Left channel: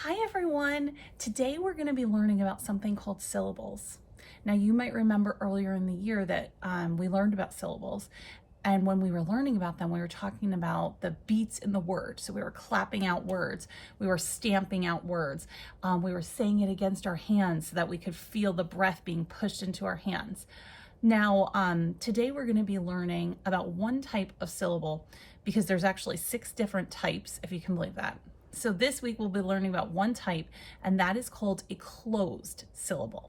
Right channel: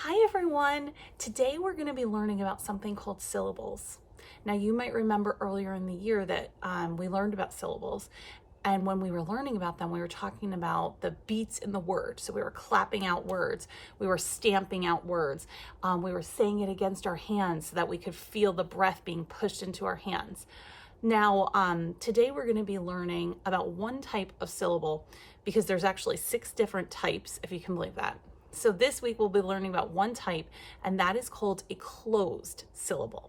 Hi everyone! Today we're going to be learning about something called syllables. Now you might remember earlier in the year that we learned about syllables, and when we were learning about them we were talking about the beats in the word. So we were clapping out words, we were stamping out words, we were saying it against our hands so that we could feel the breath being pushed into our hands. Now today we're going to be learning about one type of syllable because there's actually 6 different types, if you can believe that. So this week we'll be learning about one type, and that is called a closed syllable.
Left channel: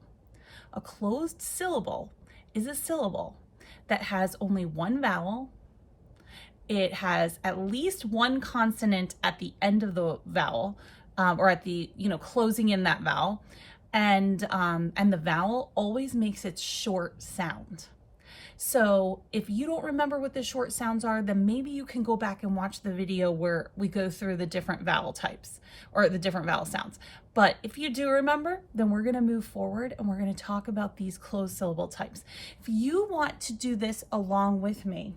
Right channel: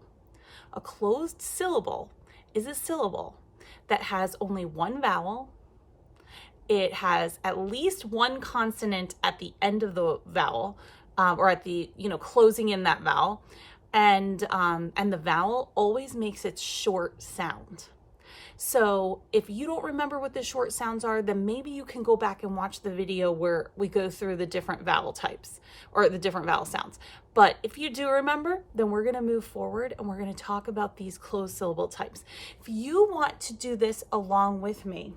A closed syllable is a syllable that has only one vowel. It has at least one consonant at the end of the vowel, or at the, closing in that vowel. And the vowel always makes its short sound. So if you don't remember what the short sounds are, then maybe you can go back and watch the video where we go through the different vowel types or the different vowel sounds. But if you do remember, then we're going to move forward and we're going to talk about these closed syllable types. If you want to do this along with me,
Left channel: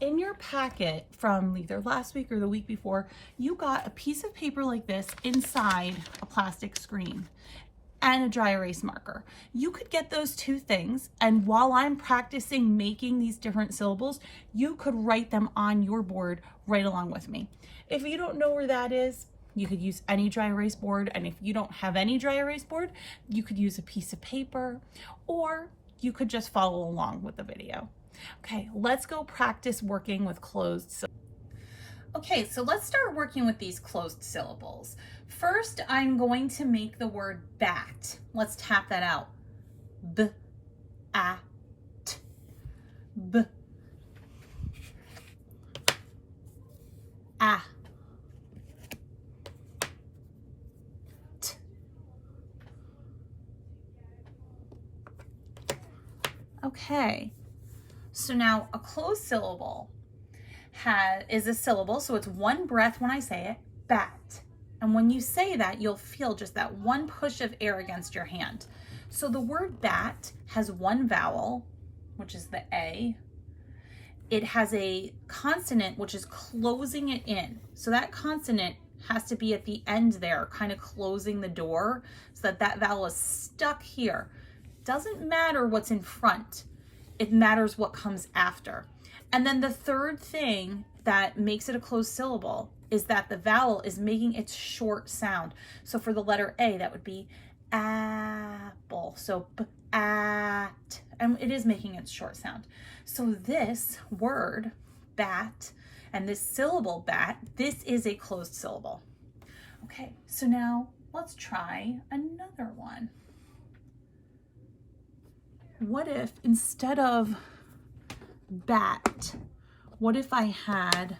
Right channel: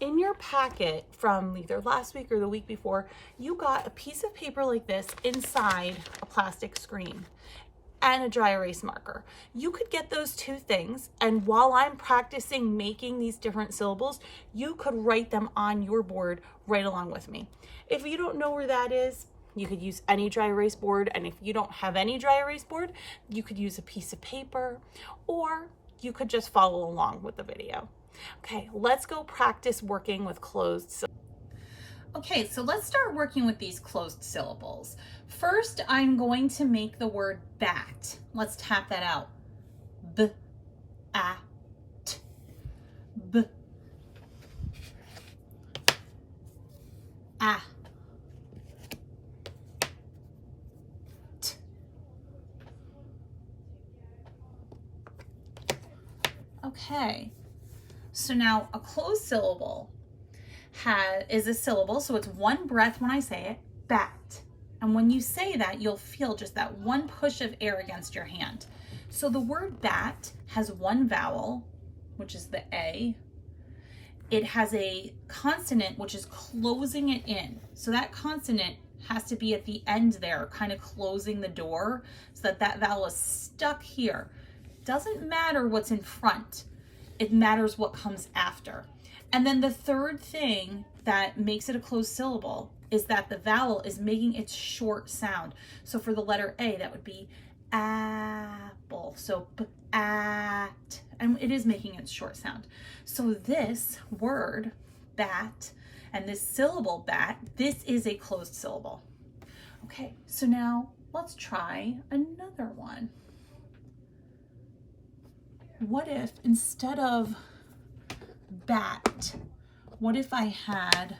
in your packet from either last week or the week before, you got a piece of paper like this inside a plastic screen and a dry erase marker. You could get those 2 things, and while I'm practicing making these different syllables, you could write them on your board right along with me. If you don't know where that is, you could use any dry erase board, and if you don't have any dry erase board, you could use a piece of paper, or you could just follow along with the video. Okay, let's go practice working with closed syllables. Okay, so let's start working with these closed syllables. First, I'm going to make the word bat. Let's tap that out. B, a, t, b, a, t. Okay, so now a closed syllable is a syllable, so it's one breath when I say it, bat. And when you say that, you'll feel just that one push of air against your hand. So the word bat has one vowel, which is the A. It has a consonant, which is closing it in. So that consonant has to be at the end there, kind of closing the door so that that vowel is stuck here. Doesn't matter what's in front. It matters what comes after. And then the third thing that makes it a closed syllable is that the vowel is making its short sound. So for the letter A, that would be apple. So at, and it is making its short sound. So this word, bat, and this syllable bat, this is a closed syllable. Okay, so now let's try another one. What if instead of bat, what if I had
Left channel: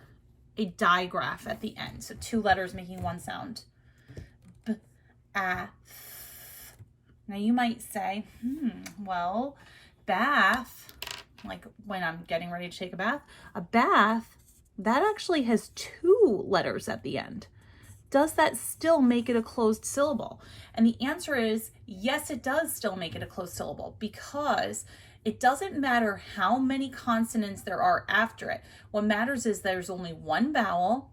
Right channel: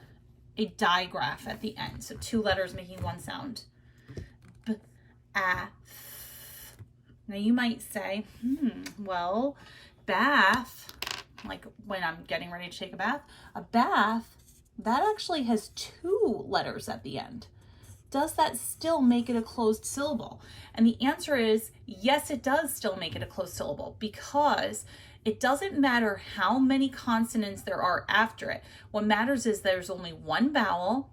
a digraph at the end? So 2 letters making one sound. B, a, th. Now you might say, well, bath, like when I'm getting ready to take a bath, that actually has 2 letters at the end. Does that still make it a closed syllable? And the answer is yes, it does still make it a closed syllable, because it doesn't matter how many consonants there are after it. What matters is there's only one vowel.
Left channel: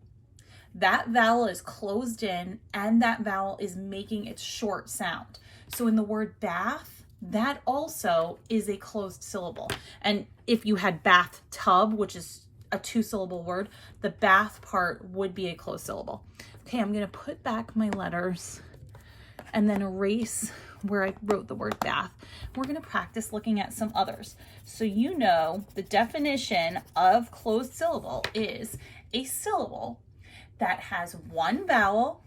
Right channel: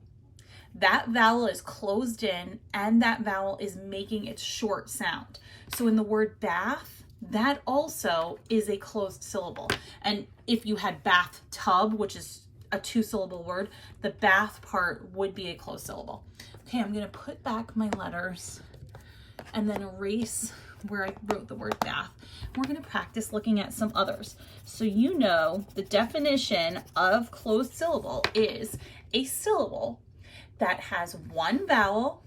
That vowel is closed in, and that vowel is making its short sound. So in the word bath, that also is a closed syllable. And if you had bathtub, which is a 2-syllable word, the bath part would be a closed syllable. Okay, I'm gonna put back my letters and then erase where I wrote the word bath. We're going to practice looking at some others. So you know the definition of closed syllable is a syllable that has one vowel.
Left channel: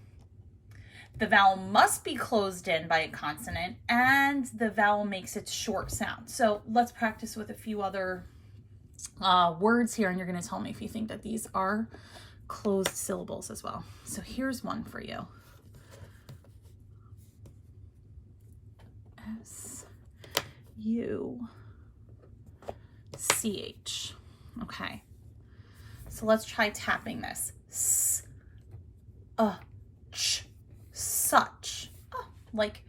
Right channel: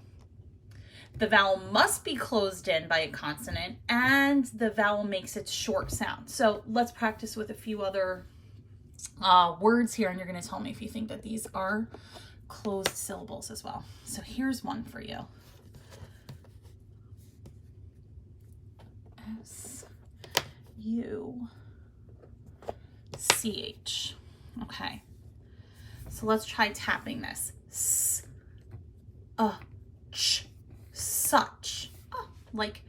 The vowel must be closed in by a consonant, and the vowel makes its short sound. So let's practice with a few other words here, and you're going to tell me if you think that these are closed syllables as well. So here's one for you. S-U-C-H. Okay, so let's try tapping this. S-ch, such. Oh, like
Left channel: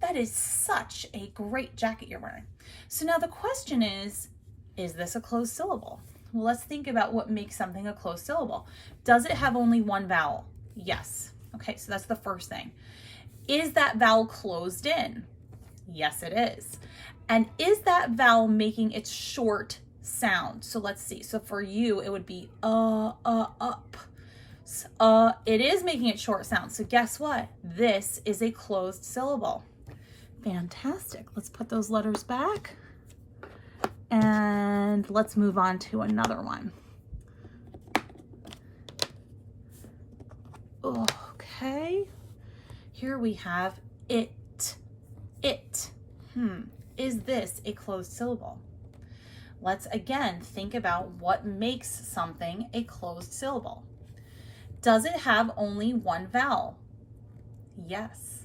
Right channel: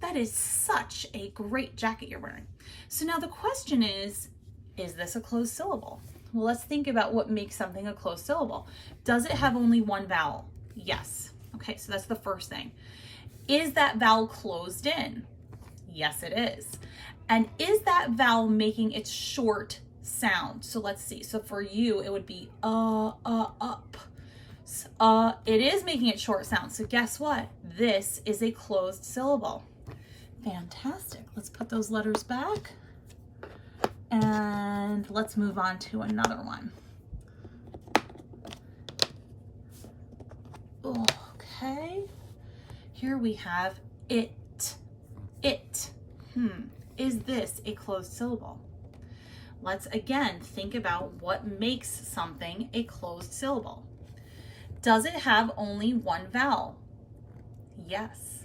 that is such a great jacket you're wearing. So now the question is this a closed syllable? Well, let's think about what makes something a closed syllable. Does it have only one vowel? Yes. Okay, so that's the first thing. Is that vowel closed in? Yes, it is. And is that vowel making its short sound? So let's see. So for you, it would be up. It is making it short sound. So guess what? This is a closed syllable. Fantastic. Let's put those letters back. And let's move on to another one. Okay. Here we have it. It. Is this a closed syllable? Let's again think about what makes something a closed syllable. Does it have only one vowel? Yes.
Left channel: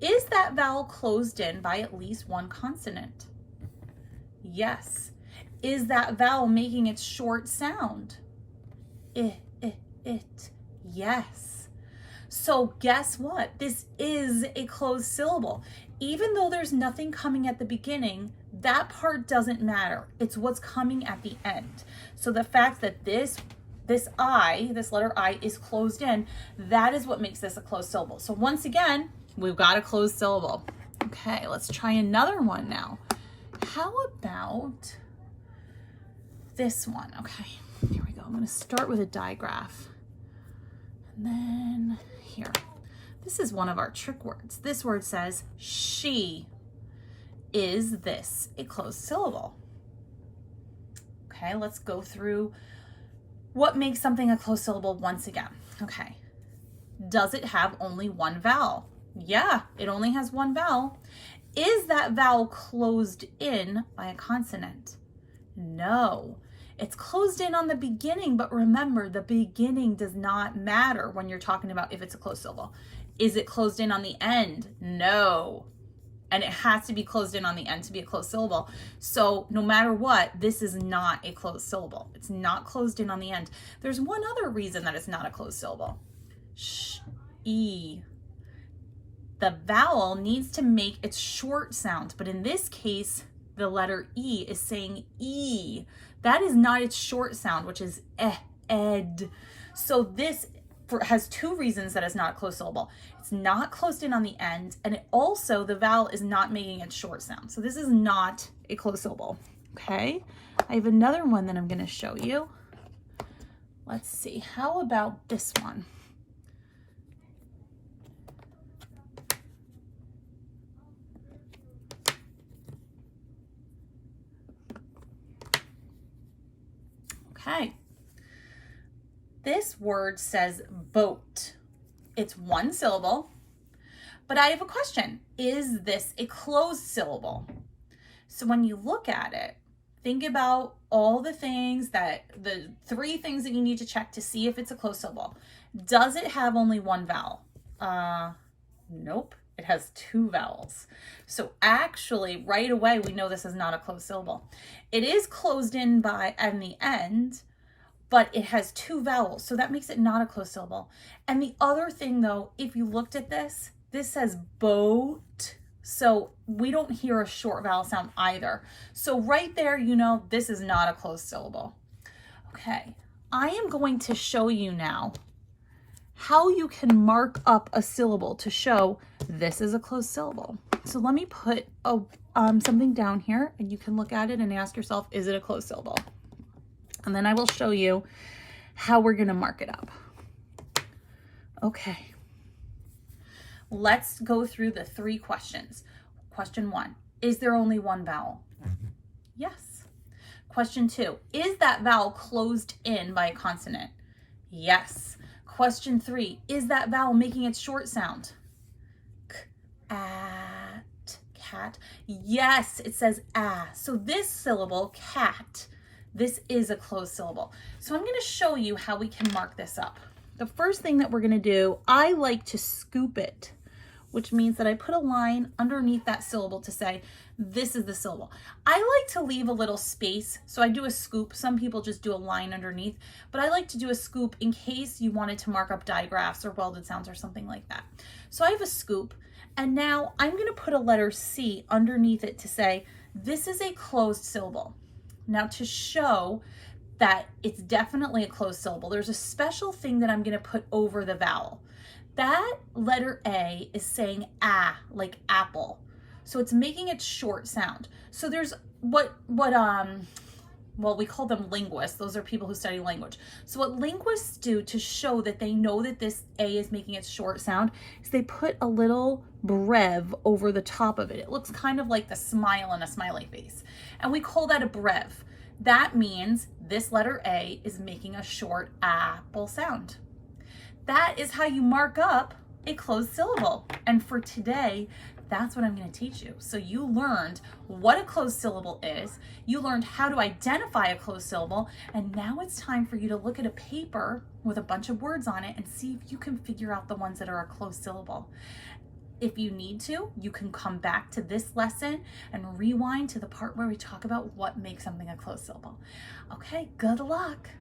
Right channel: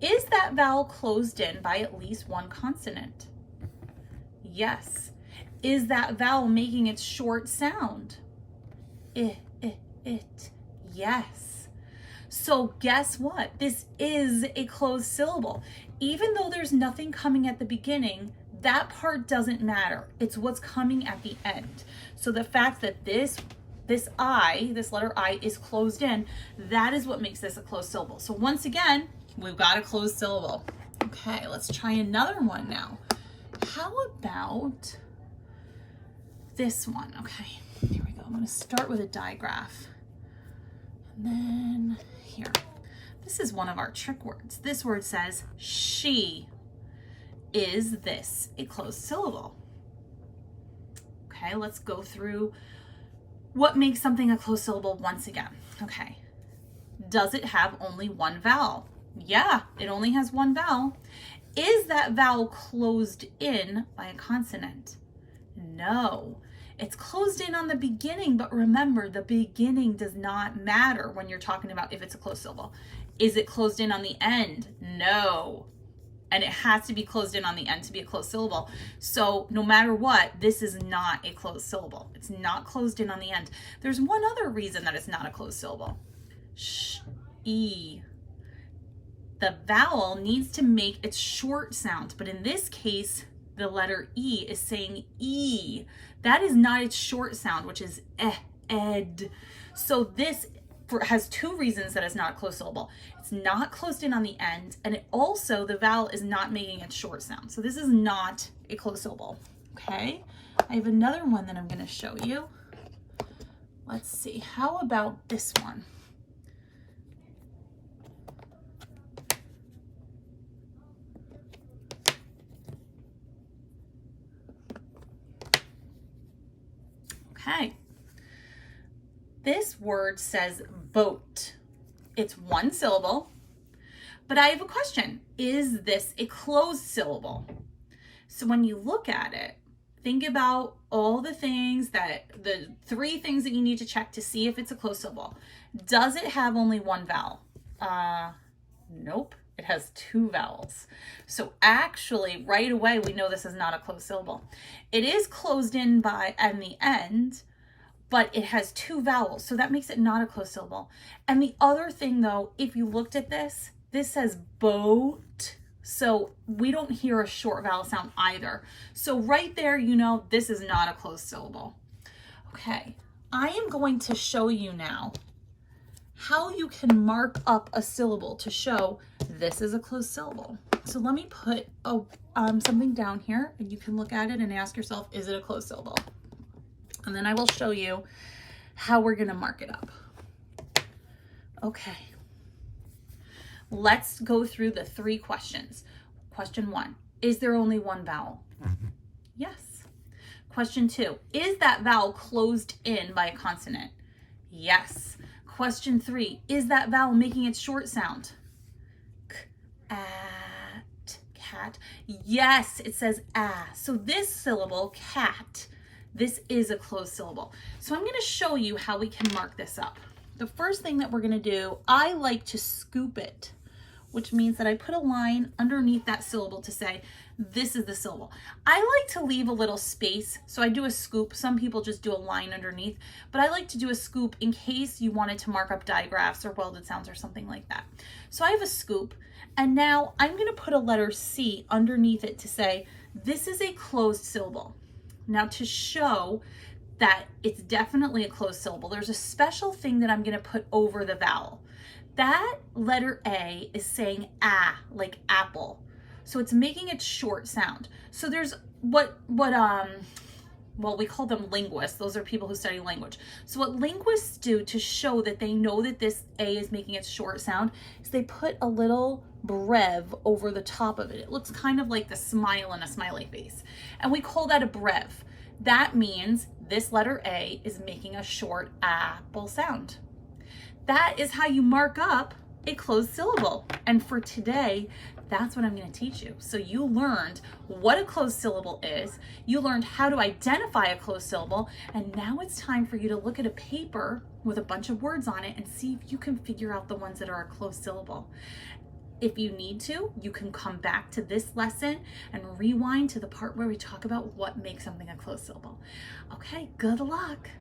Is that vowel closed in by at least one consonant? Yes. Is that vowel making its short sound? It. Yes. So guess what? This is a closed syllable. Even though there's nothing coming at the beginning, that part doesn't matter. It's what's coming at the end. So the fact that this letter I is closed in, that is what makes this a closed syllable. So once again, we've got a closed syllable. Okay, let's try another one now. How about this one? Okay, here we go. I'm going to start with a digraph. And then here. This is one of our trick words. This word says she. Is this a closed syllable? Okay, let's go through what makes something a closed syllable once again. Okay, does it have only one vowel? Yeah, it only has one vowel. Is that vowel closed in by a consonant? No. It's closed in on the beginning, but remember, the beginning does not matter when you're talking about if it's a closed syllable. Is it closed in on the end? No. And it has to be closed in on the end to be a closed syllable. So no matter what, this is not a closed syllable. It's not closed in on the end. There's one other reason that it's not a closed syllable. E. The vowel needs to make its short sound, but in this case, the letter E is saying E. That is not its short sound, which is ed. So this has two reasons that it's not a closed syllable. It's not closed in on the end, and it also, the vowel is not making its short sound. So this is not a closed syllable. Okay, I have another one that I'm going to show you. Let's see, how about this one? Okay. This word says boat. It's one syllable, but I have a question. Is this a closed syllable? So when you look at it, think about all the things the three things that you need to check to see if it's a closed syllable. Does it have only one vowel? Nope. It has two vowels. So actually, right away, we know this is not a closed syllable. It is closed in by and the end, but it has two vowels. So that makes it not a closed syllable. And the other thing though, if you looked at this, this says boat. So we don't hear a short vowel sound either. So right there, you know, this is not a closed syllable. Okay, I am going to show you now how you can mark up a syllable to show this is a closed syllable. So let me put something down here and you can look at it and ask yourself, is it a closed syllable? And then I will show you how we're gonna mark it up. Okay, let's go through the three questions. Question 1, is there only one vowel? Yes. Question 2, is that vowel closed in by a consonant? Yes. Question 3, is that vowel making its short sound? K, at, cat. Yes, it says ah. So this syllable, cat, this is a closed syllable. So I'm going to show you how we can mark this up. The first thing that we're going to do, I like to scoop it, which means that I put a line underneath that syllable to say, this is the syllable. I like to leave a little space, so I do a scoop. Some people just do a line underneath, but I like to do a scoop in case you wanted to mark up digraphs or welded sounds or something like that. So I have a scoop, and now I'm going to put a letter C underneath it to say, this is a closed syllable. Now to show that it's definitely a closed syllable, there's a special thing that I'm going to put over the vowel. That letter A is saying ah, like apple. So it's making its short sound. So there's well, we call them linguists. Those are people who study language. So what linguists do to show that they know that this A is making its short sound is they put a little brev over the top of it. It looks kind of like the smile in a smiley face. And we call that a brev. That means this letter A is making a short apple sound. That is how you mark up a closed syllable. And for today, that's what I'm going to teach you. So you learned what a closed syllable is, you learned how to identify a closed syllable, and now it's time for you to look at a paper with a bunch of words on it and see if you can figure out the ones that are a closed syllable. If you need to, you can come back to this lesson and rewind to the part where we talk about what makes something a closed syllable. Okay, good luck.